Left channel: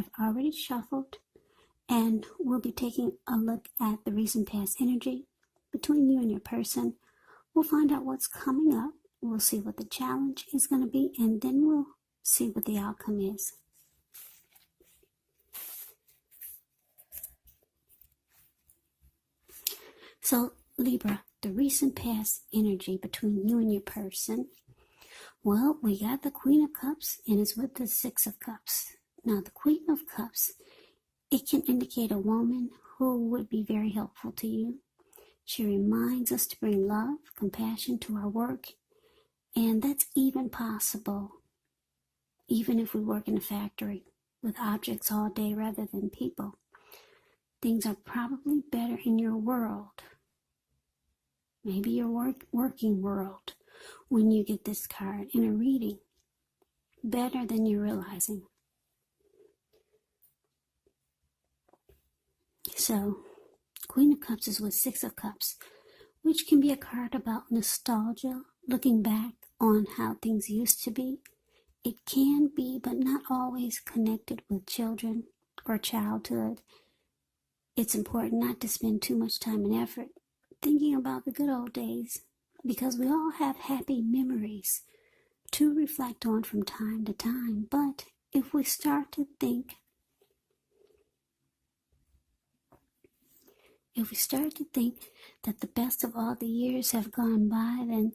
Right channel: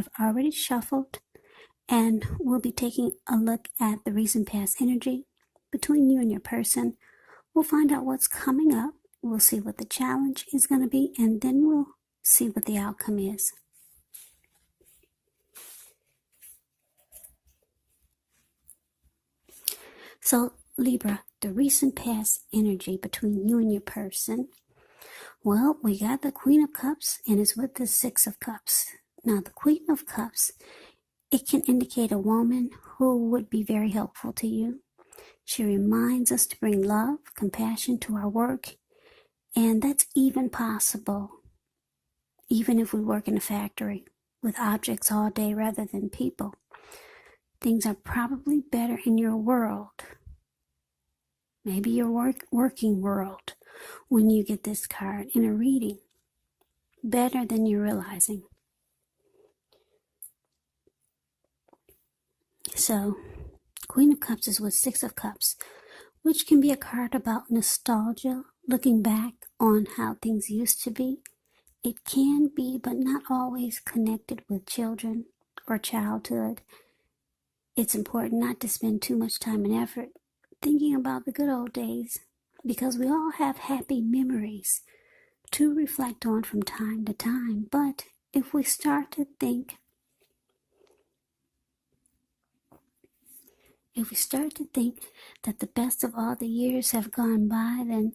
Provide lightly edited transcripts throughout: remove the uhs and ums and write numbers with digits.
I've already shuffled, and we'll be taking a look at the recent past energy between you and your person. We'll find out what's coming up. We'll see what the challenge is going to be, and then we'll see what the outcome is. So, Libra, the recent past energy between you and your person. Well, we got the Queen of Cups, and it's with the Six of Cups. Now, the Queen of Cups, it can indicate a woman who would be very helpful to you. She reminds us to bring love, compassion to our work, and that's even possible, even if we work in a factory with objects all day rather than people. Things are probably better in your world, maybe your working world, when you get this card in a reading, better than you're realizing. So, Queen of Cups is with Six of Cups, which can be a card about nostalgia, looking back on how things used to be. It can be, but not always, connected with children or childhood. It's important not to spend too much time and effort thinking about the good old days, because we all have happy memories to reflect on from time to time. But if we start to think that the best of all the years have gone by, then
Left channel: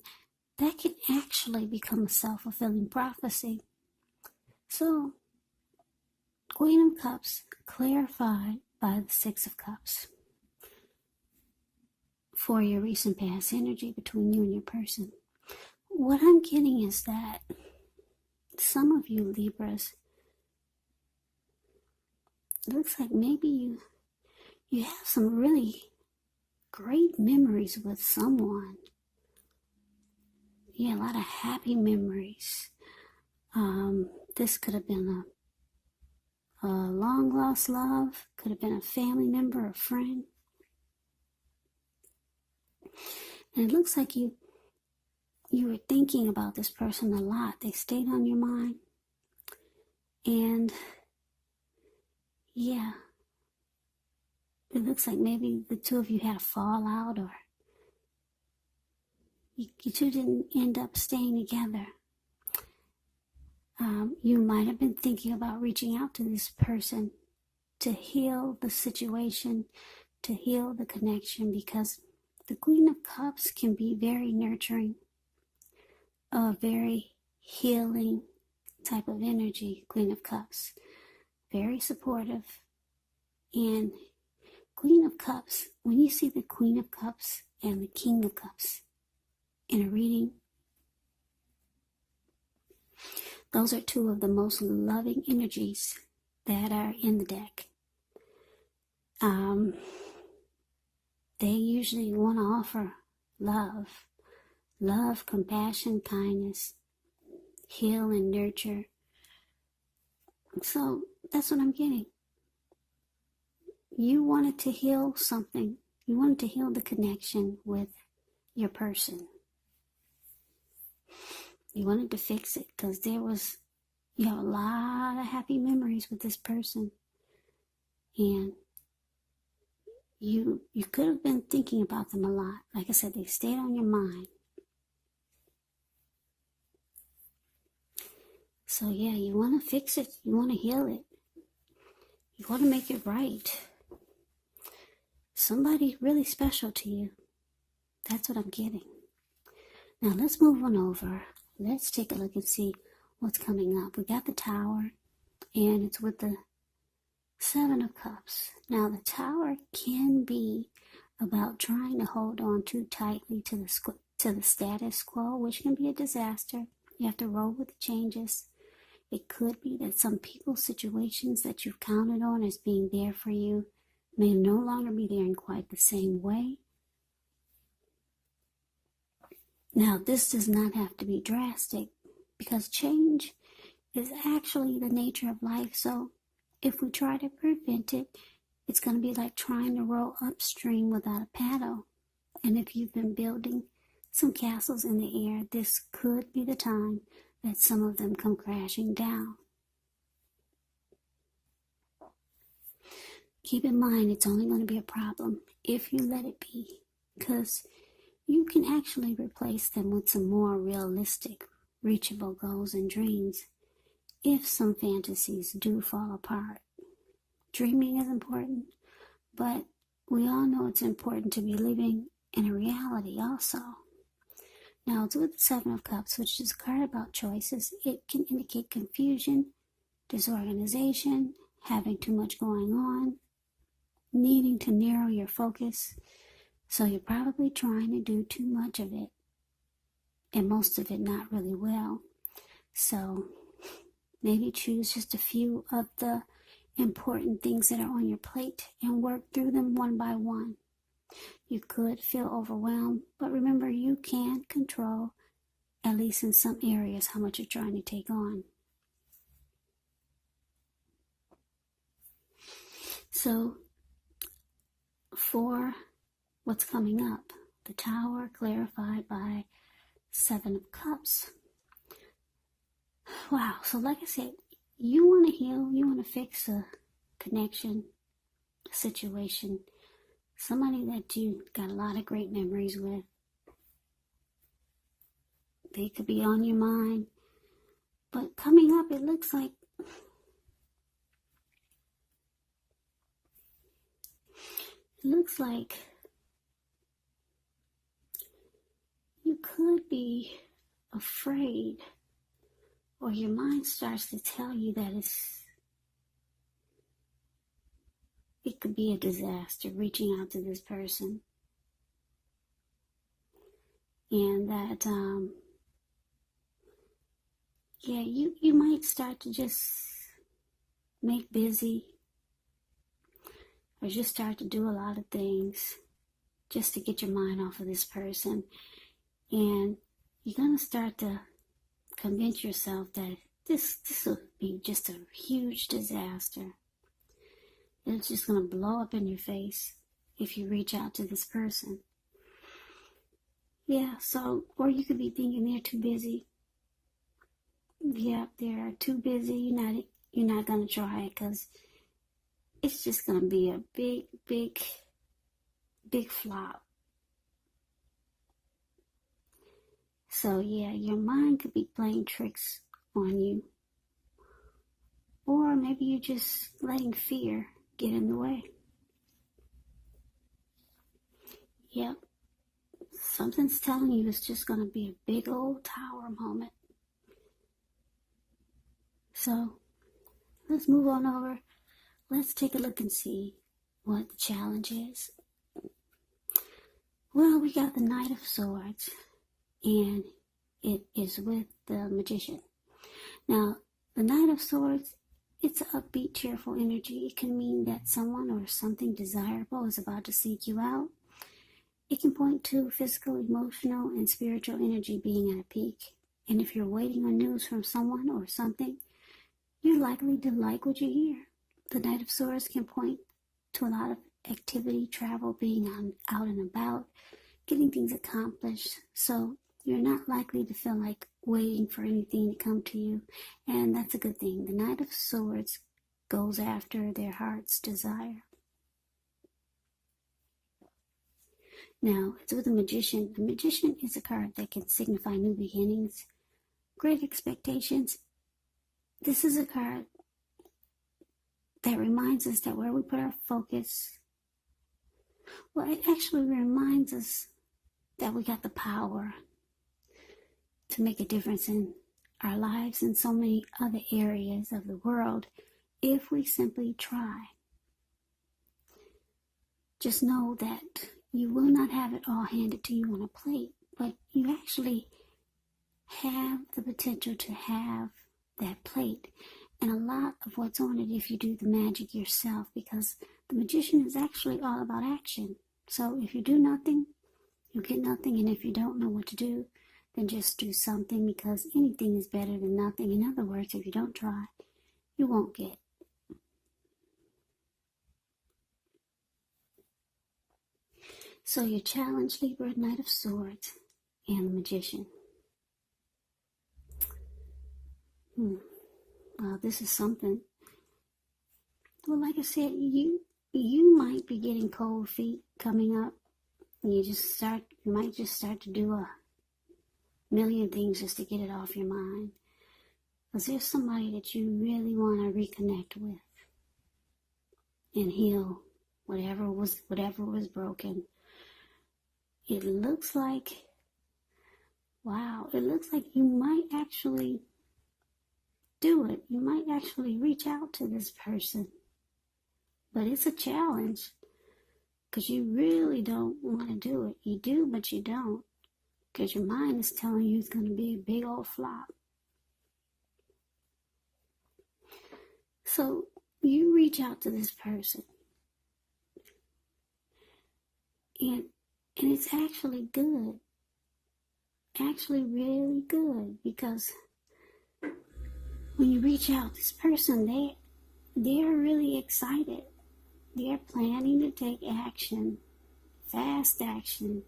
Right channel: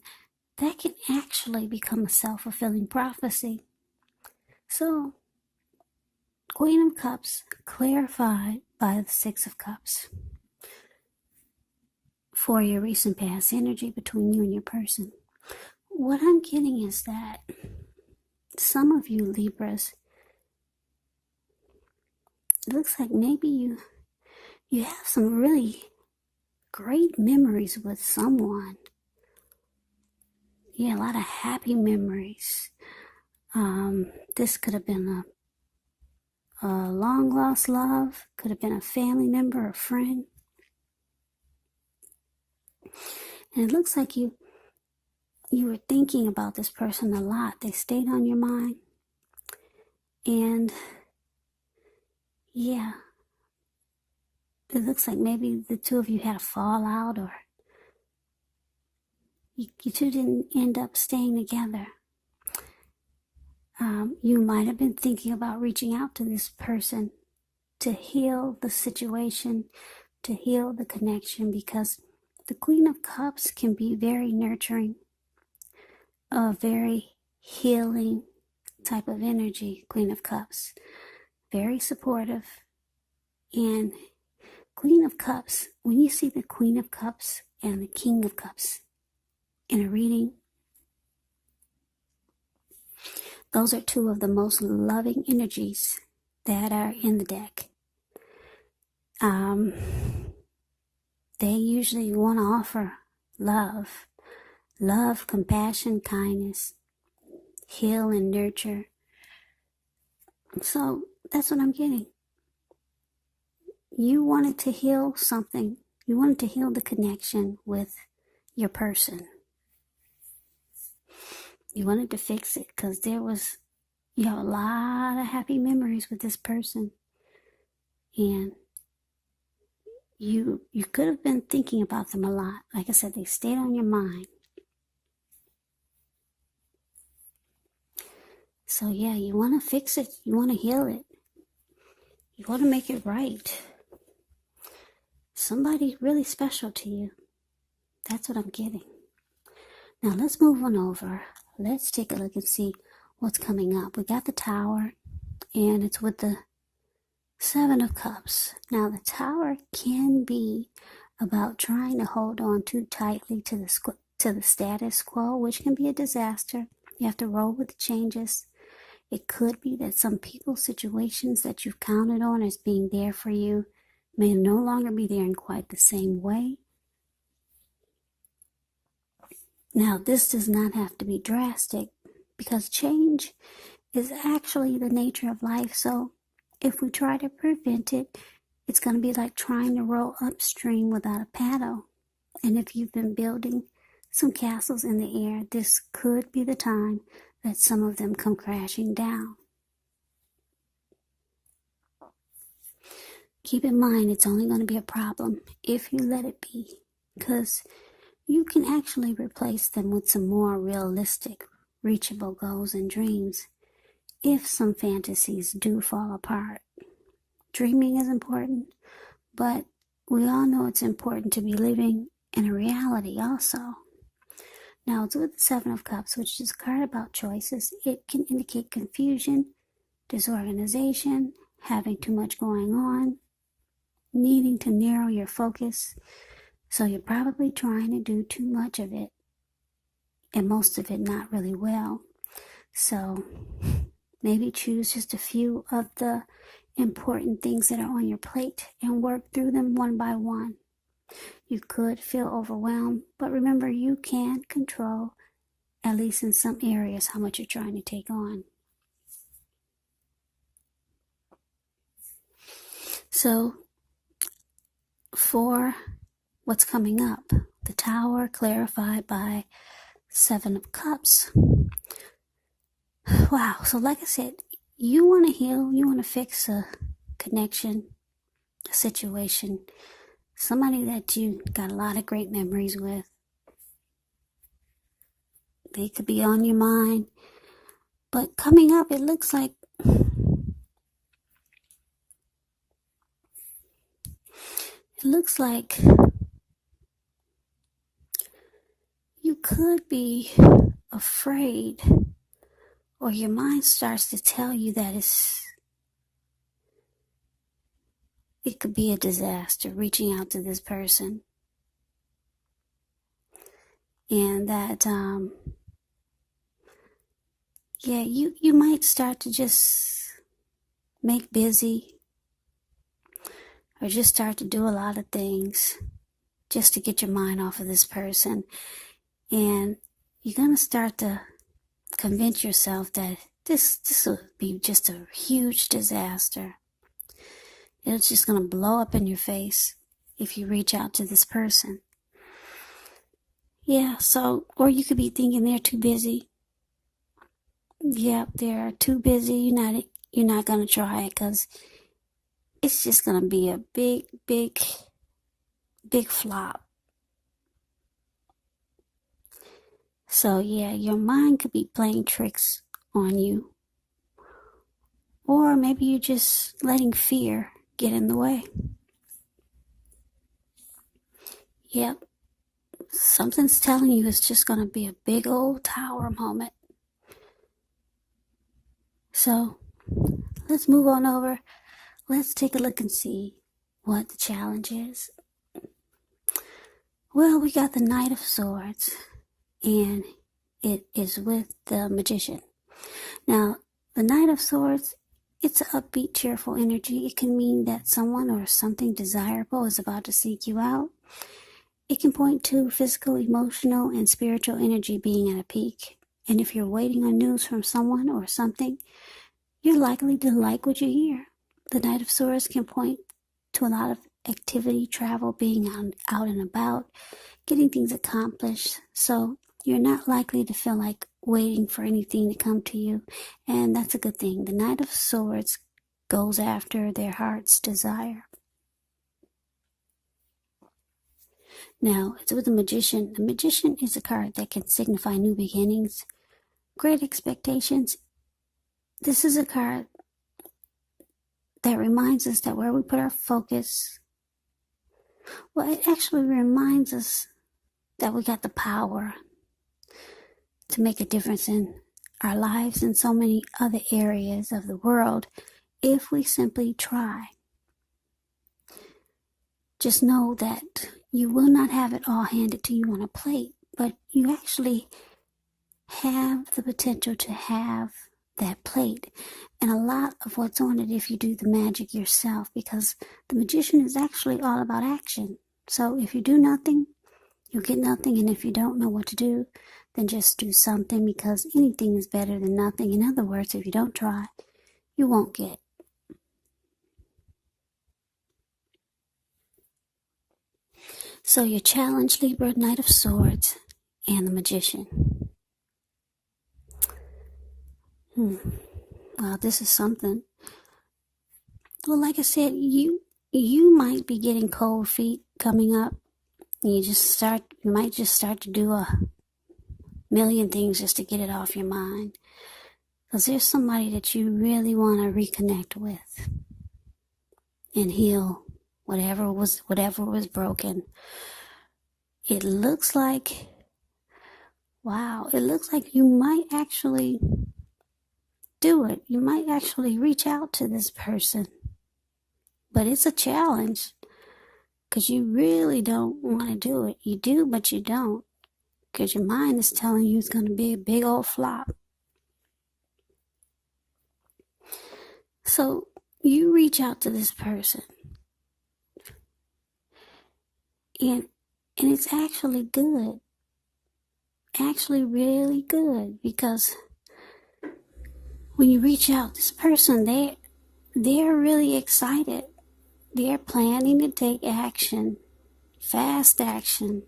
that can actually become a self-fulfilling prophecy. So, Queen of Cups clarified by the Six of Cups for your recent past energy between you and your person. What I'm getting is that some of you Libras, it looks like maybe you have some really great memories with someone. Yeah, a lot of happy memories. This could have been a long lost love, could have been a family member, a friend. And it looks like you were thinking about this person a lot. They stayed on your mind. And yeah, it looks like maybe the two of you had a fallout, or you two didn't end up staying together. You might have been thinking about reaching out to this person to heal the situation, to heal the connection, because the Queen of Cups can be very nurturing, a very healing type of energy. Queen of Cups, very supportive. And Queen of Cups, when you see the Queen of Cups and the King of Cups in a reading, those are two of the most loving energies that are in the deck. They usually want to offer love, compassion, kindness, heal and nurture. So that's what I'm getting. You wanted to heal something. You wanted to heal the connection with your person. You wanted to fix it because you have a lot of happy memories with this person. And you could have been thinking about them a lot. Like I said, they stayed on your mind. So yeah, you want to fix it. You want to heal it. You want to make it right. Somebody really special to you. That's what I'm getting. Now let's move on over. Let's take a look and see what's coming up. We got the Tower, and it's with the Seven of Cups. Now the Tower can be about trying to hold on too tightly to the status quo, which can be a disaster. You have to roll with the changes. It could be that some people's situations that you've counted on as being there for you may no longer be there in quite the same way. Now, this does not have to be drastic, because change is actually the nature of life. So if we try to prevent it, it's going to be like trying to row upstream without a paddle. And if you've been building some castles in the air, this could be the time that some of them come crashing down. keep in mind it's only going to be a problem if you let it be, because you can actually replace them with some more realistic, reachable goals and dreams if some fantasies do fall apart. Dreaming is important, but we all know it's important to be living in a reality also. Now, it's with the Seven of Cups, which is a card about choices. It can indicate confusion, disorganization, having too much going on, needing to narrow your focus. So you're probably trying to do too much of it, and most of it not really well. So maybe choose just a few of the important things that are on your plate and work through them one by one. You could feel overwhelmed, but remember you can control, at least in some areas, how much you're trying to take on. So for what's coming up, the Tower clarified by Seven of Cups. Wow, so like I said, you want to heal, you want to fix a connection, a situation, somebody that you got a lot of great memories with. They could be on your mind, but coming up, it looks like you could be afraid, or your mind starts to tell you that it could be a disaster reaching out to this person, and that you might start to just make busy, or just start to do a lot of things just to get your mind off of this person. And you're going to start to convince yourself that this will be just a huge disaster. And it's just going to blow up in your face if you reach out to this person. Yeah, so, or you could be thinking they're too busy. Yeah, they're too busy. You're not going to try it because it's just going to be a big flop. So yeah, your mind could be playing tricks on you. Or maybe you're just letting fear get in the way. Yep, something's telling you it's just going to be a big old tower moment. So let's move on over. Let's take a look and see what the challenge is. Well, we got the Knight of Swords, and it is with the Magician. Now, the Knight of Swords, it's an upbeat, cheerful energy. It can mean that someone or something desirable is about to seek you out. It can point to physical, emotional, and spiritual energy being at a peak. And if you're waiting on news from someone or something, you're likely to like what you hear. The Knight of Swords can point to a lot of activity, travel, being out and about, getting things accomplished. So you're not likely to feel like waiting for anything to come to you, and that's a good thing. The Knight of Swords goes after their heart's desire. Now, it's with the Magician. The Magician is a card that can signify new beginnings, great expectations. This is a card that reminds us that where we put our focus, well, it actually reminds us that we got the power to make a difference in our lives and so many other areas of the world if we simply try. Just know that you will not have it all handed to you on a plate, but you actually have the potential to have that plate and a lot of what's on it if you do the magic yourself, because the Magician is actually all about action. So if you do nothing, you'll get nothing, and if you don't know what to do, then just do something, because anything is better than nothing. In other words, if you don't try, you won't get. So your challenge, Libra, Knight of Swords, and the Magician. Wow, this is something. Well, like I said, you you might be getting cold feet coming up. You might just start to do a million things just to get it off your mind. Because there's somebody that you really want to reconnect with and heal whatever was broken. It looks like, wow, it looks like you might actually do it. You might actually reach out to this person. But it's a challenge because you really don't want to do it. You do, but you don't, because your mind is telling you it's going to be a big old flop. So you reach out to this person, and it's actually good, actually really good, because when you reach out, this person, they're really excited. They're planning to take action, fast action,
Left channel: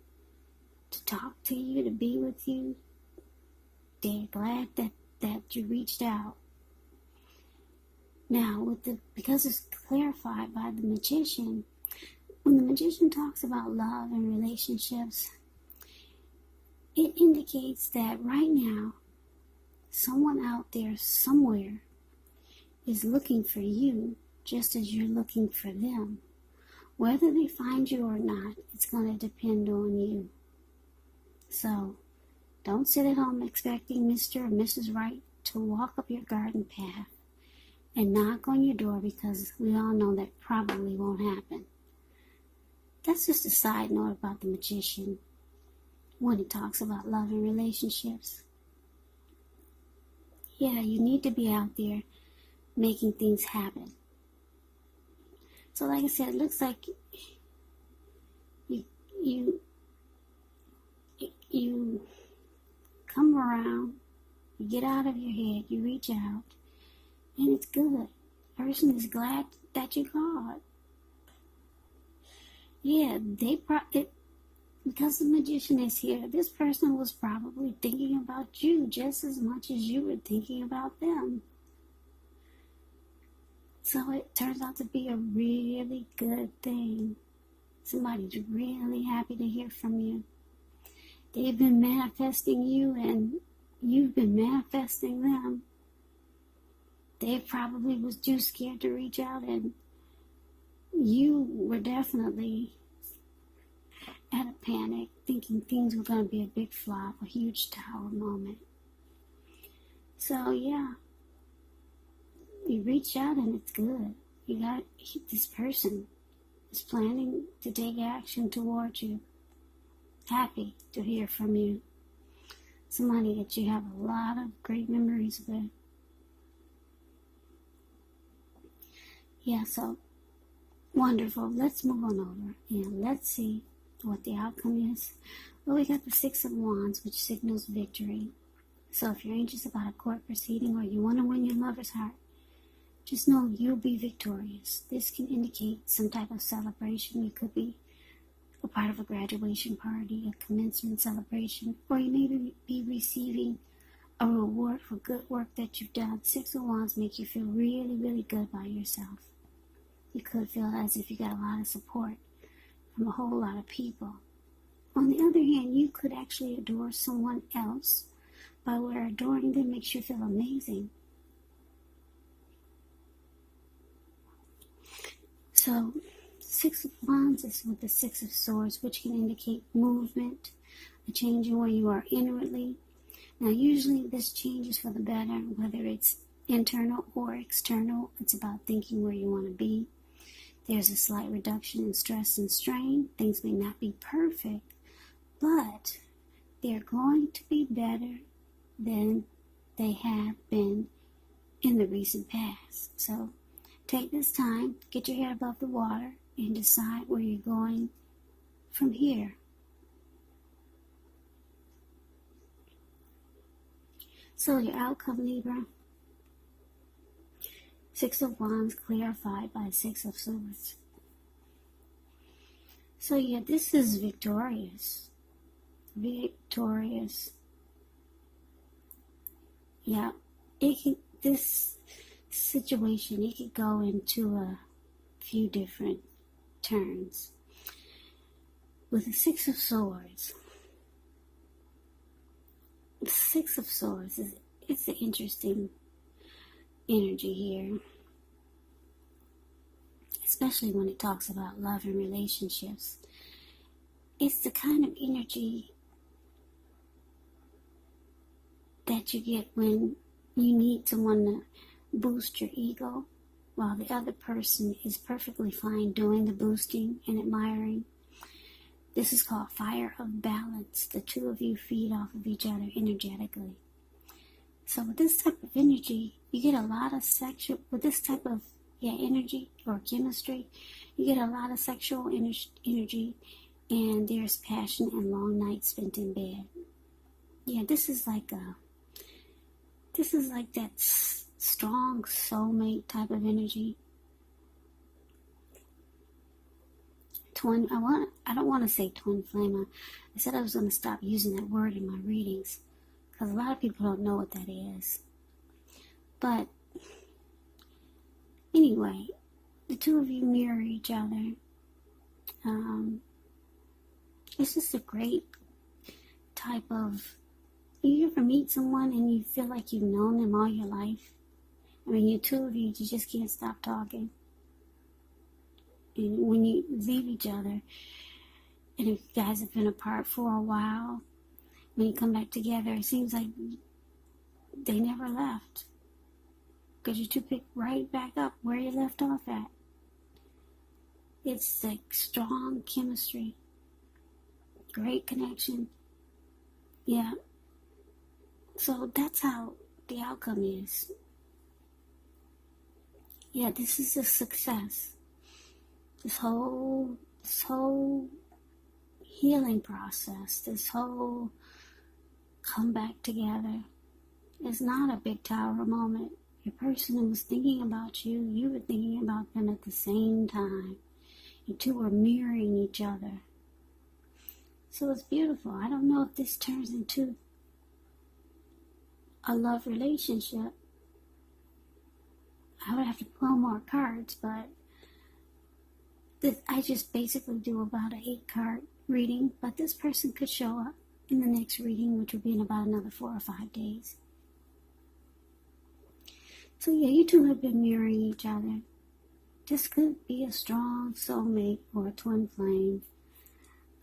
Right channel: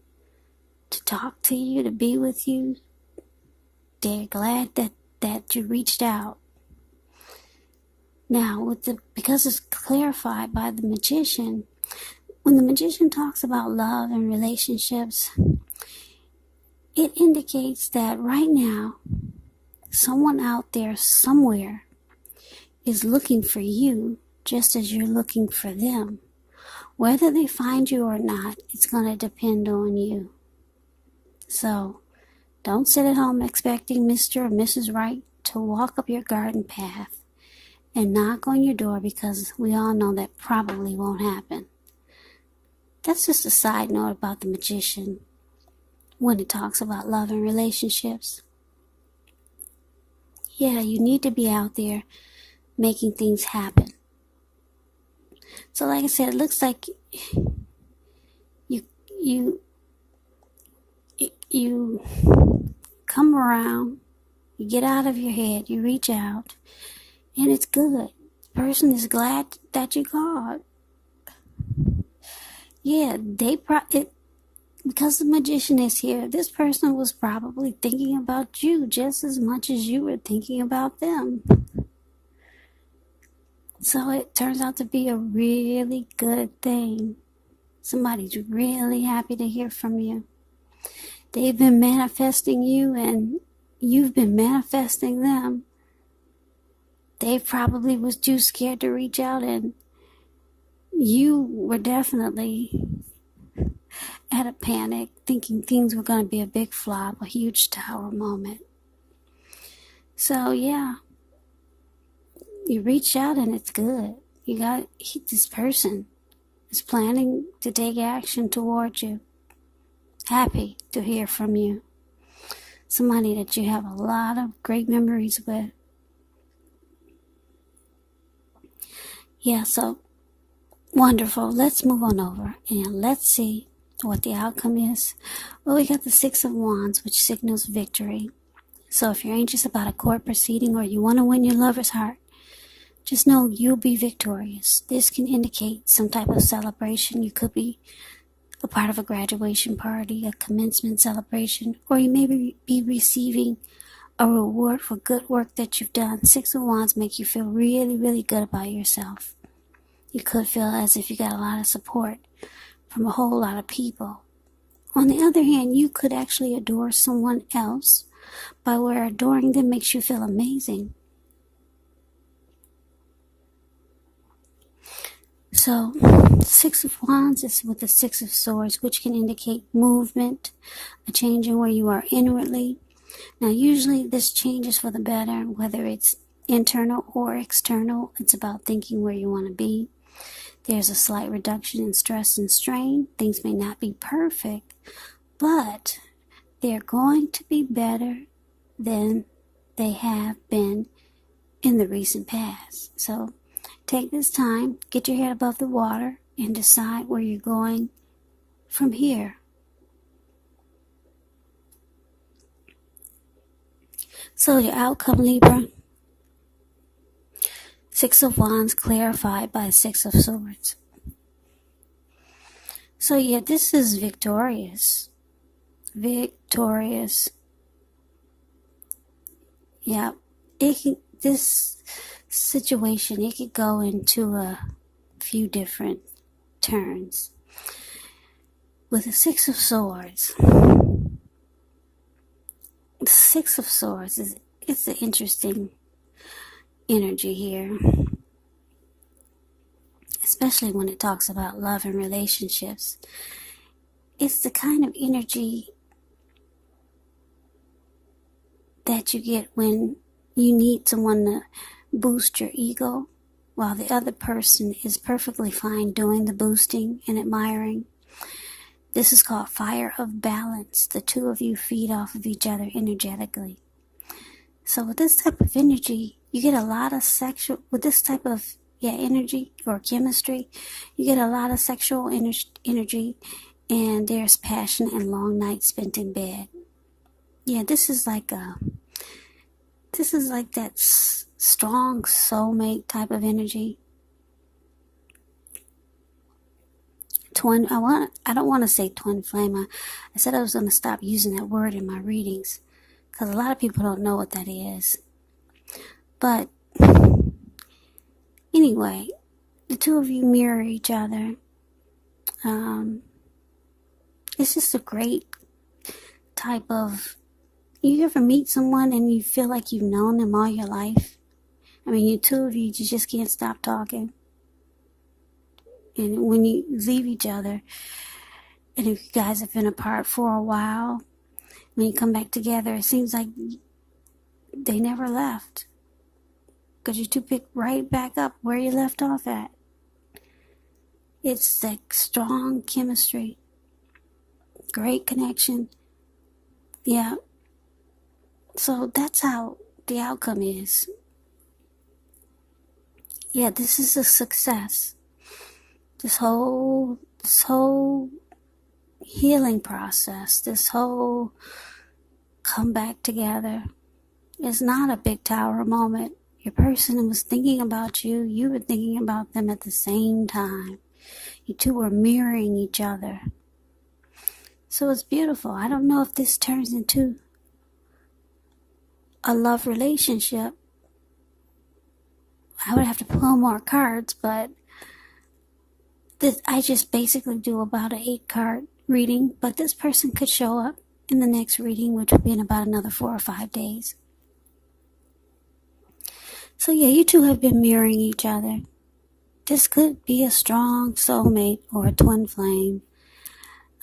to talk to you, to be with you. They're glad that you reached out. Now, because it's clarified by the magician, when the magician talks about love and relationships, it indicates that right now, someone out there somewhere is looking for you just as you're looking for them. Whether they find you or not, it's going to depend on you. So, don't sit at home expecting Mr. or Mrs. Right to walk up your garden path and knock on your door, because we all know that probably won't happen. That's just a side note about the magician when it talks about love and relationships. Yeah, you need to be out there making things happen. So like I said, it looks like you come around, you get out of your head, you reach out, and it's good. The person is glad that you called. Yeah, because the magician is here, this person was probably thinking about you just as much as you were thinking about them. So it turns out to be a really good thing. Somebody's really happy to hear from you. They've been manifesting you, and you've been manifesting them. They probably was too scared to reach out, and you were definitely at a panic, thinking things were going to be a big flop, a huge tower moment. So yeah, you reach out and it's good. This person is planning to take action towards you. Happy to hear from you. Somebody that you have a lot of great memories with. Yeah, so wonderful. Let's move on over and let's see what the outcome is. Well, we got the Six of Wands, which signals victory. So if you're anxious about a court proceeding or you want to win your lover's heart, just know you'll be victorious. This can indicate some type of celebration. You could be a part of a graduation party, a commencement celebration, or you may be receiving a reward for good work that you've done. Six of Wands make you feel really, really good about yourself. You could feel as if you got a lot of support from a whole lot of people. On the other hand, you could actually adore someone else by where adoring them makes you feel amazing. So, Six of Wands is with the Six of Swords, which can indicate movement, a change in where you are inwardly. Now, usually this changes for the better, whether it's internal or external. It's about thinking where you want to be. There's a slight reduction in stress and strain. Things may not be perfect, but they're going to be better than they have been in the recent past. So take this time, get your head above the water, and decide where you're going from here. So your outcome, Libra. Six of Wands clarified by Six of Swords. So yeah, this is victorious. Victorious. Yeah, this situation, it could go into a few different turns. With the Six of Swords. The Six of Swords it's an interesting energy here. Especially when it talks about love and relationships. It's the kind of energy that you get when you need someone to boost your ego while the other person is perfectly fine doing the boosting and admiring. This is called fire of balance. The two of you feed off of each other energetically. So with this type of energy, you get a lot of sexual, with this type of energy or chemistry, you get a lot of sexual energy, and there's passion and long nights spent in bed. Yeah, this is like that strong soulmate type of energy. I don't want to say twin flame. I said I was going to stop using that word in my readings because a lot of people don't know what that is. But anyway, the two of you mirror each other. It's just a great type of... You ever meet someone and you feel like you've known them all your life? I mean, you two of you just can't stop talking. And when you leave each other, and if you guys have been apart for a while, when you come back together, it seems like they never left. Because you two pick right back up where you left off at. It's like strong chemistry. Great connection. Yeah. So that's how the outcome is. Yeah, this is a success. This whole healing process, this whole come back together, is not a big tower moment. Your person was thinking about you, you were thinking about them at the same time. You two were mirroring each other. So it's beautiful. I don't know if this turns into a love relationship. I would have to pull more cards, but I just basically do about an 8-card reading, but this person could show up in the next reading, which would be in about another 4 or 5 days. So yeah, you two have been mirroring each other. This could be a strong soulmate or a twin flame.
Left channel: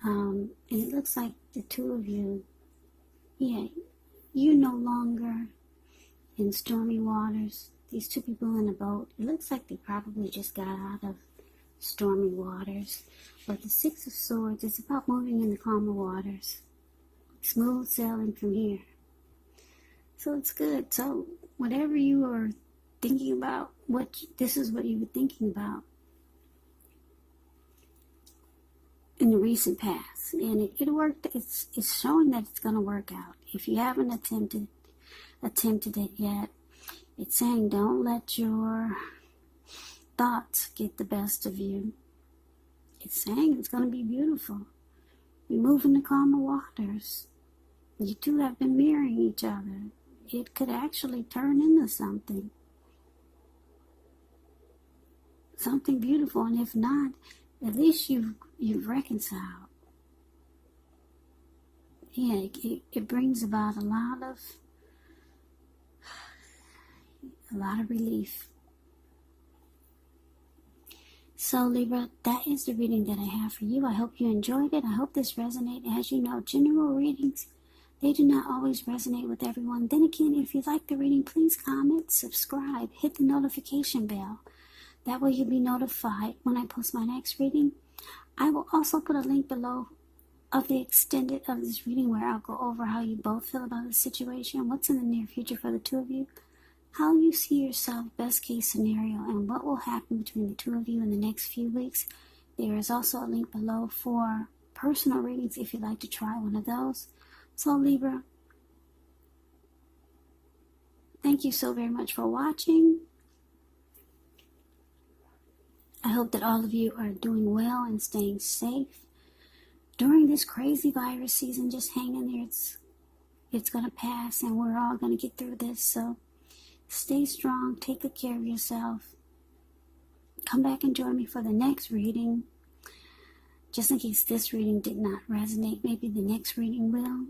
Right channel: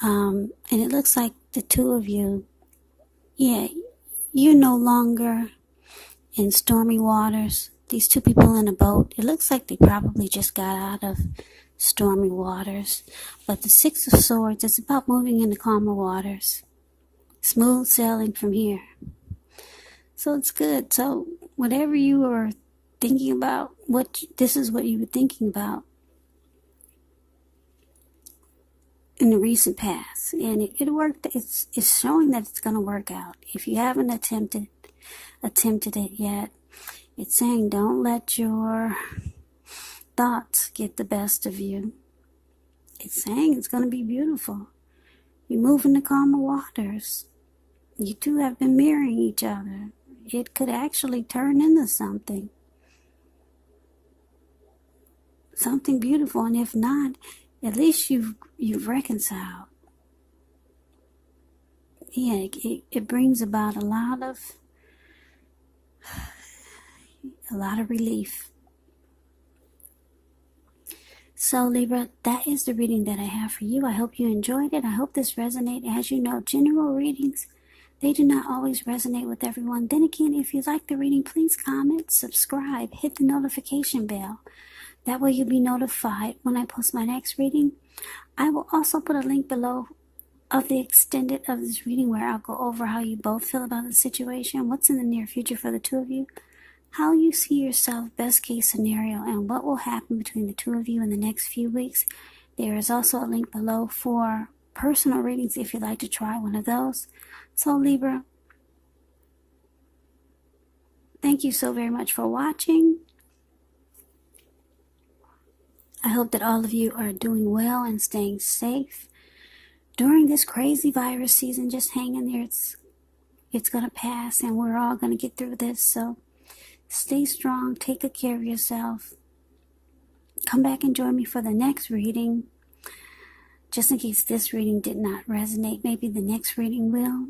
And it looks like the two of you, you're no longer in stormy waters. These two people in a boat, it looks like they probably just got out of stormy waters. But the Six of Swords is about moving into calmer waters. Smooth sailing from here. So it's good. So whatever you are thinking about, this is what you were thinking about in the recent past. And it worked. It's showing that it's going to work out. If you haven't attempted it yet, it's saying don't let your thoughts get the best of you. It's saying it's going to be beautiful. You move into calmer waters. You two have been mirroring each other. It could actually turn into something beautiful. And if not, at least you've reconciled. Yeah, it brings about a lot of relief. So Libra, that is the reading that I have for you. I hope you enjoyed it. I hope this resonated. As you know, general readings, they do not always resonate with everyone. Then again, if you like the reading, please comment, subscribe, hit the notification bell. That way you'll be notified when I post my next reading. I will also put a link below of the extended of this reading where I'll go over how you both feel about the situation, what's in the near future for the two of you, how you see yourself, best case scenario, and what will happen between the two of you in the next few weeks. There is also a link below for personal readings if you'd like to try one of those. So Libra, thank you so very much for watching. I hope that all of you are doing well and staying safe during this crazy virus season. Just hang in there. It's going to pass and we're all going to get through this. So stay strong. Take good care of yourself. Come back and join me for the next reading. just in case this reading did not resonate, maybe the next reading will.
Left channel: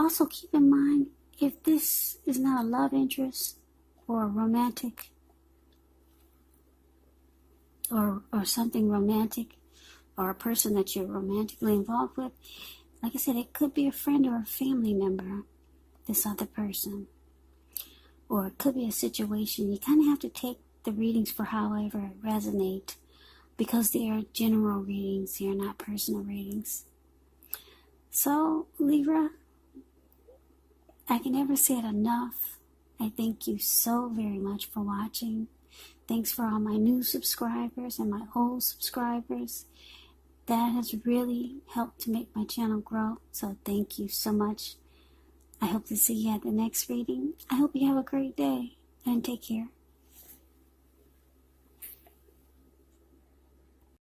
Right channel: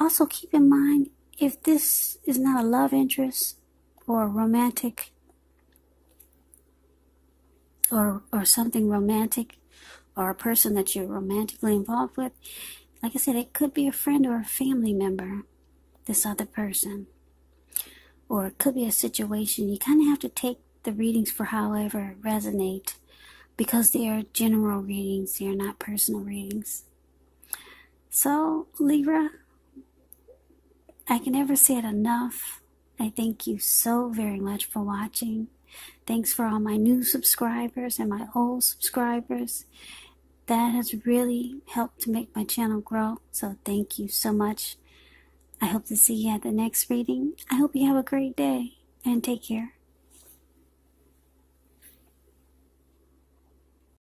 Also keep in mind, if this is not a love interest or romantic or something romantic, or a person that you're romantically involved with, like I said, it could be a friend or a family member, this other person. Or it could be a situation. You kind of have to take the readings for however resonate, because they are general readings, they are not personal readings. So, Libra, I can never say it enough. I thank you so very much for watching. Thanks for all my new subscribers and my old subscribers. That has really helped to make my channel grow. So thank you so much. I hope to see you at the next reading. I hope you have a great day and take care.